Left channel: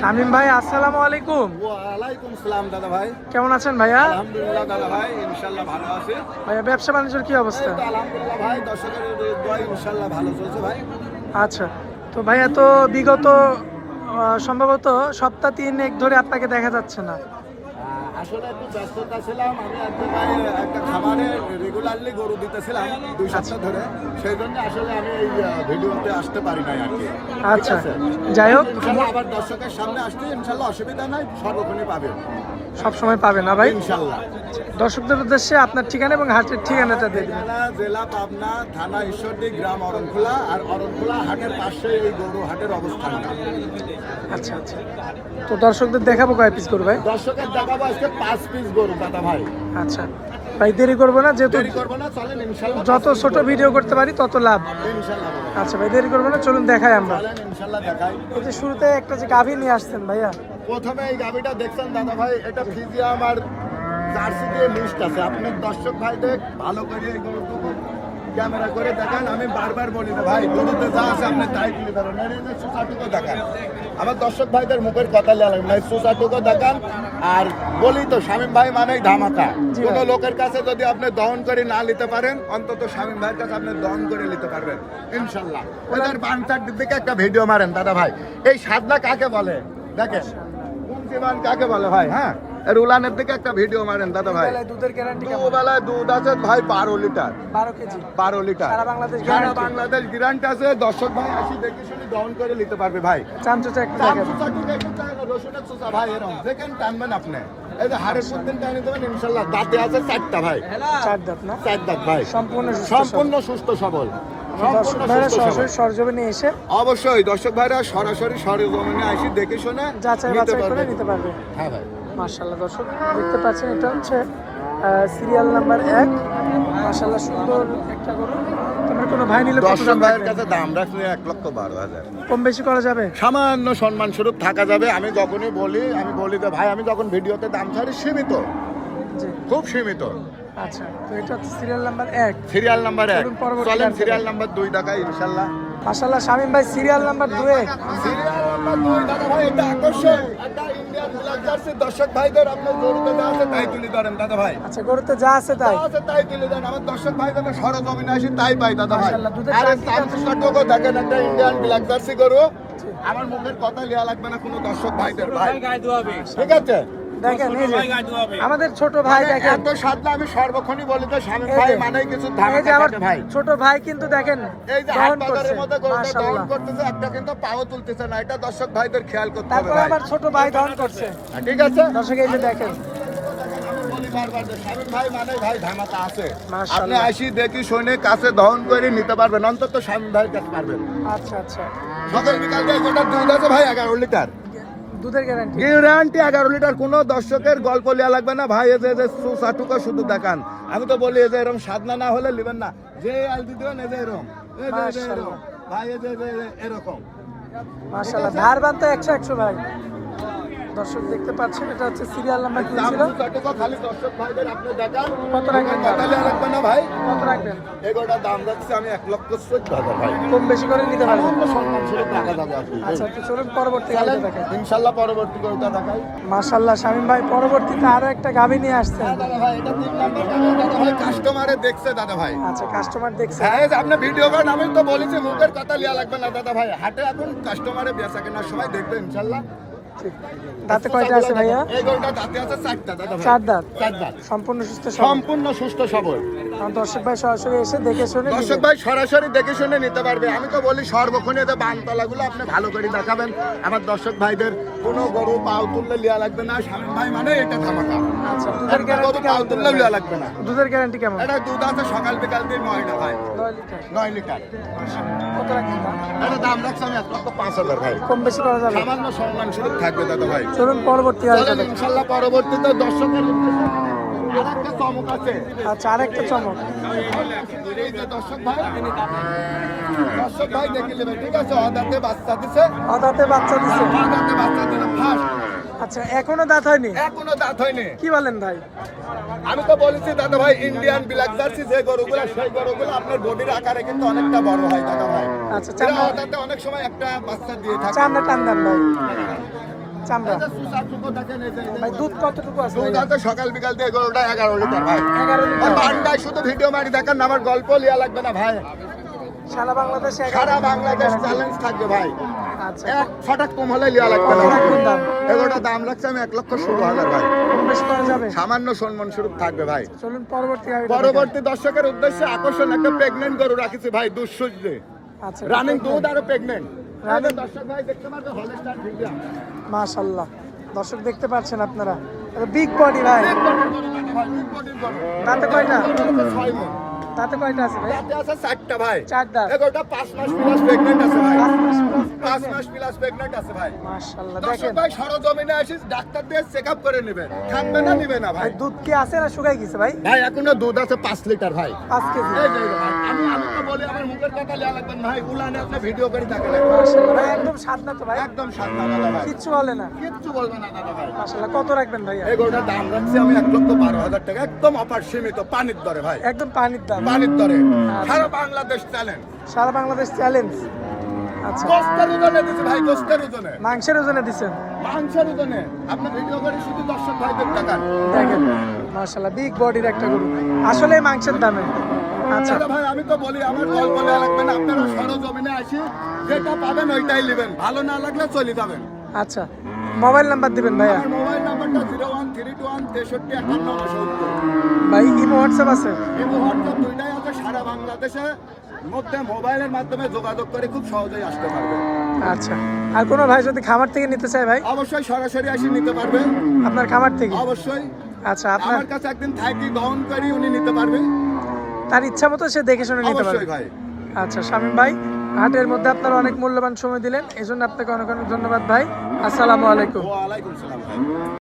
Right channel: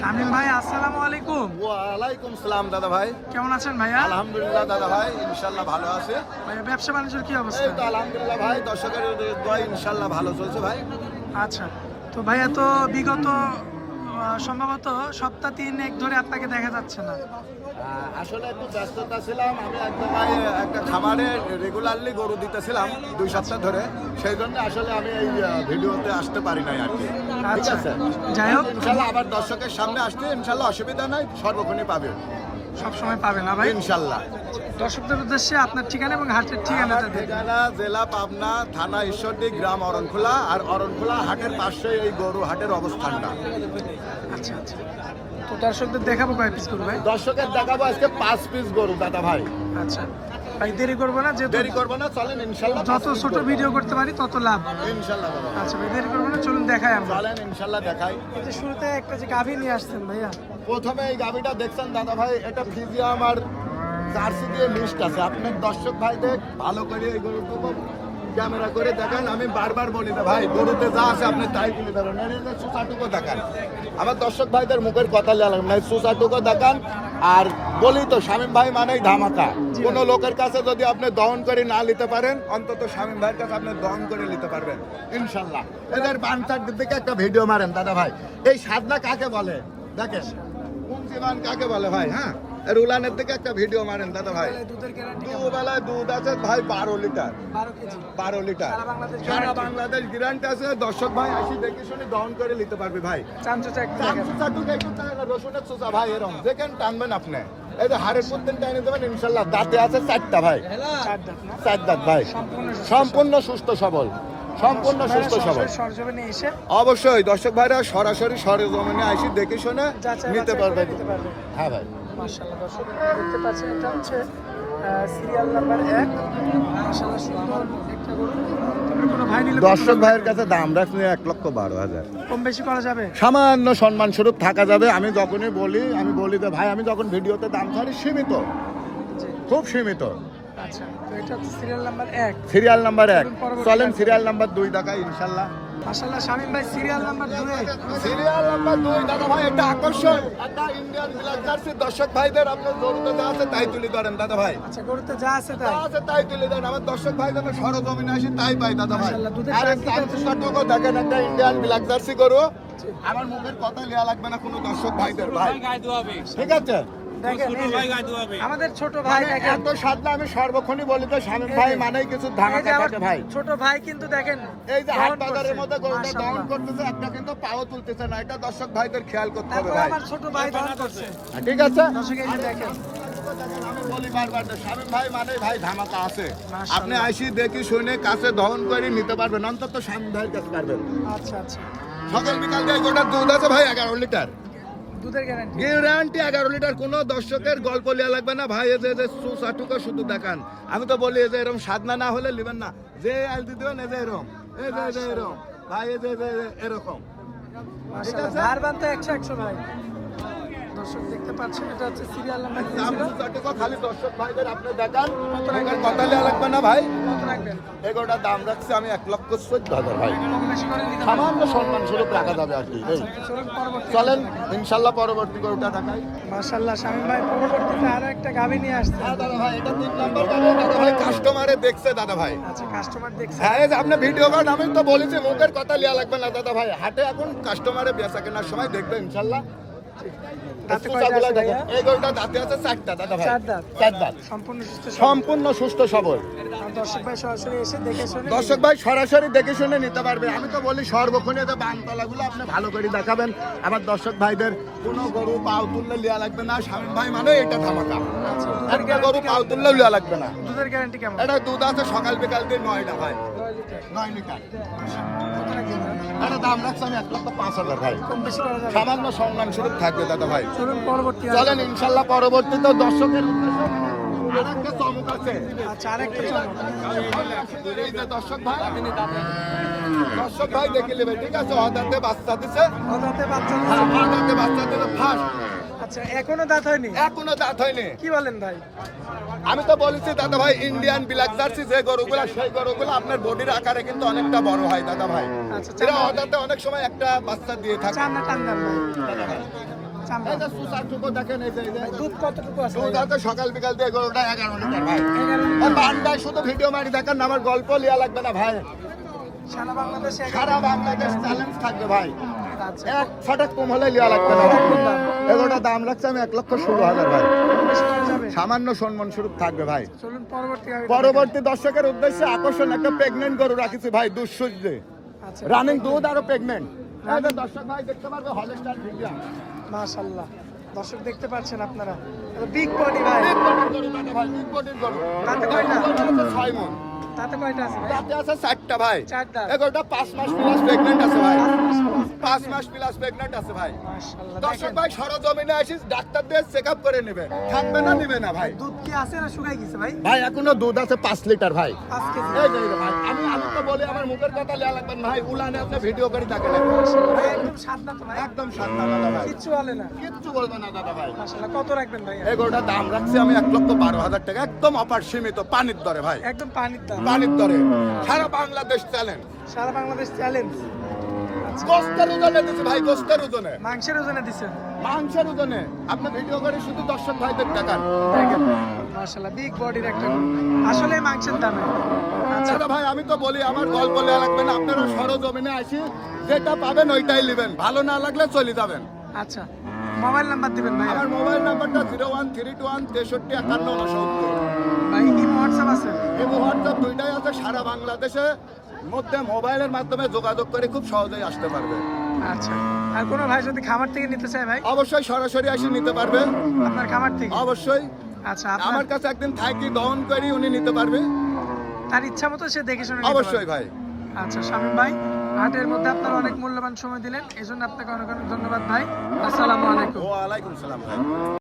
শামিম ভাই আসসালামু আলাইকুম। ওয়ালাইকুম সালাম দাদা ভাই। কেমন আছেন ভাইয়া? আলহামদুলিল্লাহ দাদা ভাই ইনশাল্লাহ ভালো আছে। ভাইয়া ব্যবসা বাণিজ্যের কি এই অবস্থা তো আলহামদুলিল্লাহ ভাই দর্শকের দোয়া ইনশাল্লাহ ভালো চলছে ভাই। আচ্ছা তো ভাইয়া তো বিগত সম্ভবত সপ্তাহ তিন এক ধরে আপনাকে দেখা যাচ্ছে না। আসলে একটু ব্যস্ততা ছিলাম। আমি এক জায়গায় একটা খামারে রেগুলারলি গরু দিতেছিলাম দুই সপ্তাহ ধরে। সেই জন্য আসলে আমি এই ভিডিওতে আসতে পারি নাই আর কি। আচ্ছা। যাই হোক। ইনশাল্লাহ আবার দর্শকের সামনে আসতে ইনশাল্লাহ অসুবিধা নাই সর্বক্ষণই পাবে সব সময় পাবে না ভাই? ইনশাল্লাহ। দর্শকদের উদ্দেশ্যে আপনার ঠিকানা এবং হাটের ঠিকানাটা দিয়ে দিন। জেলা পাবনা থানা ঈশ্বরদী গ্রাম অরণখোলা আর অরণখোলা হাটের পাশে এই গরু হাটের অবস্থানটা। আচ্ছা আচ্ছা। তো দর্শকদের দেখাবো কয় পিস গরু ভাই? দর্শকের দেখাবো আজকে পাঁচ পিস গরু দাদা ভাই। আচ্ছা। ভাই দেরি করব না যেহেতু দেরি করব না চলেন ইনশাল্লাহ যত ছোট ভিডিও করতে পারি তত লাভ। ইনশাল্লাহ আচ্ছা ভাই দেরি করব না চলুন দেখাই আমরা। চলেন ইনশাল্লাহ দেখাই। এই যে শুরুতে একটা যে গাভী নিয়ে আসছেন ভাইয়া। প্রথমে এই গাভীটা দেখছেন দাদা ভাই এটা ফিজিয়া আমার জার্সি দিয়ে মিক্সড আছে। আপনার দর্শক ভাইদের ভালো করে এই গরুটুকু ক্যামেরা করে দেখান আমি বারবার বলি না ভাই গরুতে যা আছে আপনি তাই তুলে ধরেন। এই দেখান। আমার দর্শক ভাইদের মুখের কথা লেগে না সুসাটুকু দেখান। আর বলি তো শামীম ভাই মানেই ধামাকা। কোন লোকের কাছে যদি আপনি দহন করে না নিতে পারেন অন্তত শামীম ভাইয়ের কাছে আপনি দহন করে নিতে পারবেন ইনশাল্লাহ। ওদের বানসার দিকে একটা ভিডিও মারেন দাদা ভাই। এই সাদনা কাকে বলে? দেখেন। কাকে বলে ভাই হ্যাঁ? এর উলানের দিকে একটা ভিডিও মারেন দাদা ভাই। দুধের গ্যারান্টি দুবেলায় দুধ আছে ভাই বারো লিটার। বারো কেজি। বারো লিটার। সারা বাংলাদেশ সারা বাংলাদেশ গ্যারান্টি আছে দর্শক ভাই আসি দেখে শুনে দহন করে নিতে পারবে ভাই। চামচা দেখেন। রসুনের চুচা ভাই এরকম দেখেন টানবেন আপনি। এই যে হাড়ের পুত্তেন টাইনে দেবেন ইনশাল্লাহ দাঁতে আছে চারটা ভাই। চার দাঁত না? চার দাঁত ভাই। সম্পূর্ণ সুস্থ সম্পূর্ণ সুস্থ সবল। সরজমিনে এসে অবশ্যই দর্শক ভাইরা সরাসরি সরজমিনে আসি দেখে শুনে নিতে পারবে। হ্যাঁ ভাই। মার্শাল্লাহ দর্শক দেখতে পাচ্ছেন এটা হচ্ছে সিরিয়াল নাম্বার এক। মার্শাল্লাহ সুন্দর একটা গরু। কোনো ভাই নিলে দর্শক ভাইয়ের কাছে দাম রাখলে এক লক্ষ বারো হাজার। কম বেশি করা যাবে? সামান্য সম্মান স্বরূপ থাকা যাবে আমি যখনই বলি আমি বলি যে ভাই আমি যখন ভিডিওতে দাম ছাড়ি সীমিত। খুব সীমিত। আচ্ছা তো এটা সিরিয়াল নাম্বার এক। সিরিয়াল নাম্বার এক। চলেন সিরিয়াল নাম্বার দুই টাকা ইনশাল্লাহ মার্শাল্লাহ শামিম ভাই সিরিয়াল নাম্বার দুয়ে সিরিয়াল নাম্বার দুই দাদা ভাই একটা আকর্ষণ। একটা ইন্ডিয়ান ব্ল্যাক জার্সি দর্শক ভাইদের আপনার গরুতে যা আছে তাই তুলে ধরেন দাদা ভাই। আচ্ছা গরুতে যা আছে তাই। যা আছে তাই তুলে দেন আমার দর্শক ভাইদের যেন সরজমিনে তাই পাই দাদা ভাই। মাশাআল্লাহ, দুধের আরে কি দেখেন একটা ইন্ডিয়ান ব্ল্যাক জার্সি গরু। আমার মুখের কথা লিয়া লাগবে না কোনো দর্শক ভাইদের ভাই। ঠিক আছে? আমাদের ছোট ভাই মানে দেখেন। এত সাদা আমি সর্বক্ষণই বলি তো স্বামী ভাই যে, মানেই কিছু ভাই। ছোট ভাই কিন্তু দেখেন এই যে হাট বাজারের মধ্যে গরুটা দহন করতেছে একটা কিন্তু পাও তুলতেছে না এটা দর্শক ভাইদের খেয়াল করতে হবে তারপরে ভাই। আমার ছোট ভাই দহন করছে। ঠিক আছে? দর্শক এই যে দেখেন। আমি বলি বারবার যে স্বামী ভাই মানে ভাই ধামাকা আছে। মাশাআল্লাহ। আপনি আসি দেখি শুনে কাছে দহন করে নিতে পারবেন অন্তত স্বামী ভাই কাছে পারবেন। আচ্ছা আচ্ছা। সকাল বিকাল দিয়ে গোটা দুধ আছে ভাই এগারো লিটার। দুধের গ্যারান্টি গ্যারান্টি এগারো লিটার কোনো দর্শকের গল্প লিয়া লাগবে না। ভাই এই যে সুসাটুকো শুধু দেখান। আমি তো বলি এই যে এরকম সাধনা না হলে নেবেন না। যে আল দিতে এই যে এরকম এই যে এরকম ভাই এই যে এরকম। মাশাআল্লাহ। ধার তো একশো একশো ভাই। দর্শক দেখতে পাচ্ছেন এটা হচ্ছে সিরিয়াল নাম্বার কি ছিল? খালি দর্শক ভাইদের আপনি দেখান। কত রাখবেন? কথা লাগবে না ভাই। কত রাখবেন? এগারোটা দাম রাখছি আমি এক লক্ষ চোদ্দ হাজার ভাই। কম বেশি করে নিতে পারবেন? সামান্য সম্মান স্বরূপ রাখা যাবে আর কি চলুন পরবর্তী চলেন ইনশাল্লাহ পরবর্তী গরুটা দেখাই। মাশাআল্লাহ শামিম ভাই পরবর্তীতে আরও একটা গাভী নিয়ে আসছেন। হ্যাঁ দাদা ভাই এটা তিন নাম্বার দাদা ভাই কাস্টমারে দেখছে দাদা ভাই। আচ্ছা কাস্টমার দেখছে। হ্যাঁ আপনি ভিডিও করেন আমি তো বলেছি মুখের কথা লিয়া লাগবে না দাদা ভাই। হাটে এখন কাস্টমারে বেচা কেনার সময় দেখবে ইনশাল্লাহ। দাঁতে কয়টা আছে ভাইয়া? এই গরুটা দাঁতে আছে চারটা দাদা ভাই। চার দাঁত? চার দাঁত। সম্পূর্ণ সুস্থ সম্পূর্ণ সুস্থ সবল। দর্শক ভাই সরাসরি এসে দেখে শুনে দর্শক ভাই সরাসরি দেখে শুনে নিতে পারবে। আমি তো বলি সর্বক্ষণে যে বানতলাগুলো আপনি ভালো করে দেখাবেন। আমার দর্শক ভাইদের কোনো গরু পাও তুললে লিয়া লাগবে না। স্বামী ভাই মানে এটা ধামাকা। আচ্ছা দুধের গ্যারান্টি পাও তুললে লিয়া লাগবে না। দুধের গ্যারান্টি কেমন? এটা দুধ আছে সকাল বিকাল দিয়ে নয় না ভাই নয় লিটার। কত দাম? এটা দাম রাখছি আমি এক পাঁচ হাজার ভাই। কম বেশি করা যাবে। সামান্য সম্মান স্বরূপ থাকবে দাদা ভাই। চলুন পরবর্তী চলেন ইনশাল্লাহ পরবর্তীতে দর্শকের উদ্দেশ্যে আরেকটা চমক আছে। আচ্ছা আরেকটা চমক। দর্শক ভাই দর্শক ভাই দেখে নেবে ঠিক আছে? অদাতে বাচ্চা দিছে। অদাতে বাচ্চা দিচ্ছে অদাতে বাচ্চা দিলে ফার্স্ট আচ্ছা এখনও দাঁত হয়নি? এখনও দাঁত হয়নি। কি বলেন ভাই? আমি তো বলেছি দাদা ভাই ইন্ডিয়ান ব্ল্যাক জার্সি যে গরুগুলো সেই গরুগুলো আপনার বডির আকারে কিন্তু অনেকটা বড় হয় দাদা ভাই। আচ্ছা এরা চান্দা অনেক সময় একটা বাচ্চা দিয়ে থাকে। টান ভাই। চামড়া। ভাই দুধ কতটুকু আছে? দুধ আছে সকাল বিকাল দিয়ে এগারোটা এগারো লিটার ভাই। এগারো লিটার। বান্দায় শুধু ভিডিও মারি দেখেন আমার গল্প লিয়া লাগবে না ভাই। সারা বাংলাদেশে সারা বাংলাদেশ চ্যালেঞ্জ থাকবে ভাই। এক ফটাক কম হলে লিয়া লাগবে না। দাম। লাগছে আমি এক লক্ষ ষোলো হাজার ভাই। সামান্য সম্মান স্বরূপ থাকবে ভাই। চলুন পরবর্তী পরবর্তী দর্শকের উদ্দেশ্যে আকর্ষণ একটা প্রেগনেন্ট গরু রাখিছি ভাই দুঃসূর্যে আচ্ছা। রানিং দুধ আরও প্রেগনেন্ট Running- দর্শক ভাই দেখতে পারবে হলস্টার মাশাল্লাহ। দর্শক দেখতে পাচ্ছেন আপনারা। বিগ বডি ভাই। তাতে কয়টা? ছয় মন। তাতে কয়টা আছে ভাই? তাতে আছে চারটা ভাই। চারটা। এগারোটা পাঁচ মাস প্লাস প্রেগনেন্ট আছে ভাই। পাঁচ মাস। প্লাস প্রেগনেন্ট আছে ভাই। দর্শক ভাই সরজমিনে আসিস ডাক্তার দিয়ে চেক আপ করে নেবে। থাকবে না নিবে না ভাই। দুধ কি আছে না শুকাই গেছে ভাই? ভাই এখনও দুধ আছে পাঁচ লিটার ভাই। পাঁচ কেজি। এই আমি আমি তো বলি আমার মুখের কথা লিয়া লাগবেন না ভাই। উলানে আপনি ভিডিও করে মাশাআল্লাহ, ভাই একদম স্বাদ না তো ভাই? একদম সাবধান দাদা ভাই। কিচ্ছু বলে না। কিচ্ছু বলবে না দাদা ভাই। মাশাল্লাহ কত রাখবেন ভাই? এগুলোটা দাম রাখছি আমি এক লক্ষ বারো হাজার টাকা। একদম অপার সীমিত পানির দরে ভাই। একদম পানির দাম পানির দরে। সারা বাংলাদেশ চ্যালেঞ্জ সারা বাংলাদেশ চ্যালেঞ্জ আচ্ছা। ওজনে ভাই ওজনে মাংসের ওজনে দিচ্ছেন মাংসের ওজনে আপনি ভিডিও করে শুধু দর্শক ভাইদের টাকান দেখেন বিগ বডির একটা গরু। আসলে মাংসের দামে। আচ্ছা। ভাই আমি তো বলি আমার গল্প লাগবে না। আপনারা সরজমিনে আসি যেটা পাবেন ওইটাই নেবেন। ভালো না লাগলে চলে যাবেন। আচ্ছা মোবাইল নাম্বার দিবেন ভাইয়া। আমার মোবাইল নাম্বারটা zero one three two one তেষট্টি একান্ন ভাই ইমো হোয়াটসঅ্যাপ আছে? এবং হোয়াটসঅ্যাপ দুইটাই আছে সারা বাংলাদেশে। মধ্যে মোবাইলের মাধ্যমে যোগাযোগ করে খুব সহজেই আসতে পারবে। আচ্ছা। আর কোনো ভাই যদি খামার থেকে নিতে চায় ভাই? অবশ্যই সরাসরি আসি নিতে পারবে। আপনার খামার থেকে? অবশ্যই। আচ্ছা আপনার আমার কাছে একদিন থাকি দহন করি উনি নিতে পারবে। তার ইচ্ছা মতো সে দেখে শুনে নিতে অবশ্যই ভাই। আচ্ছা শামীম ভাই হাটের মধ্যে আপনার অনেক মূল্যবান সময় দিলেন এই জন্য আপনাকে অনেক অনেক ধন্যবাদ ভাই। আসসালামু আলাইকুম। ওয়ালাইকুম সালাম ভাই।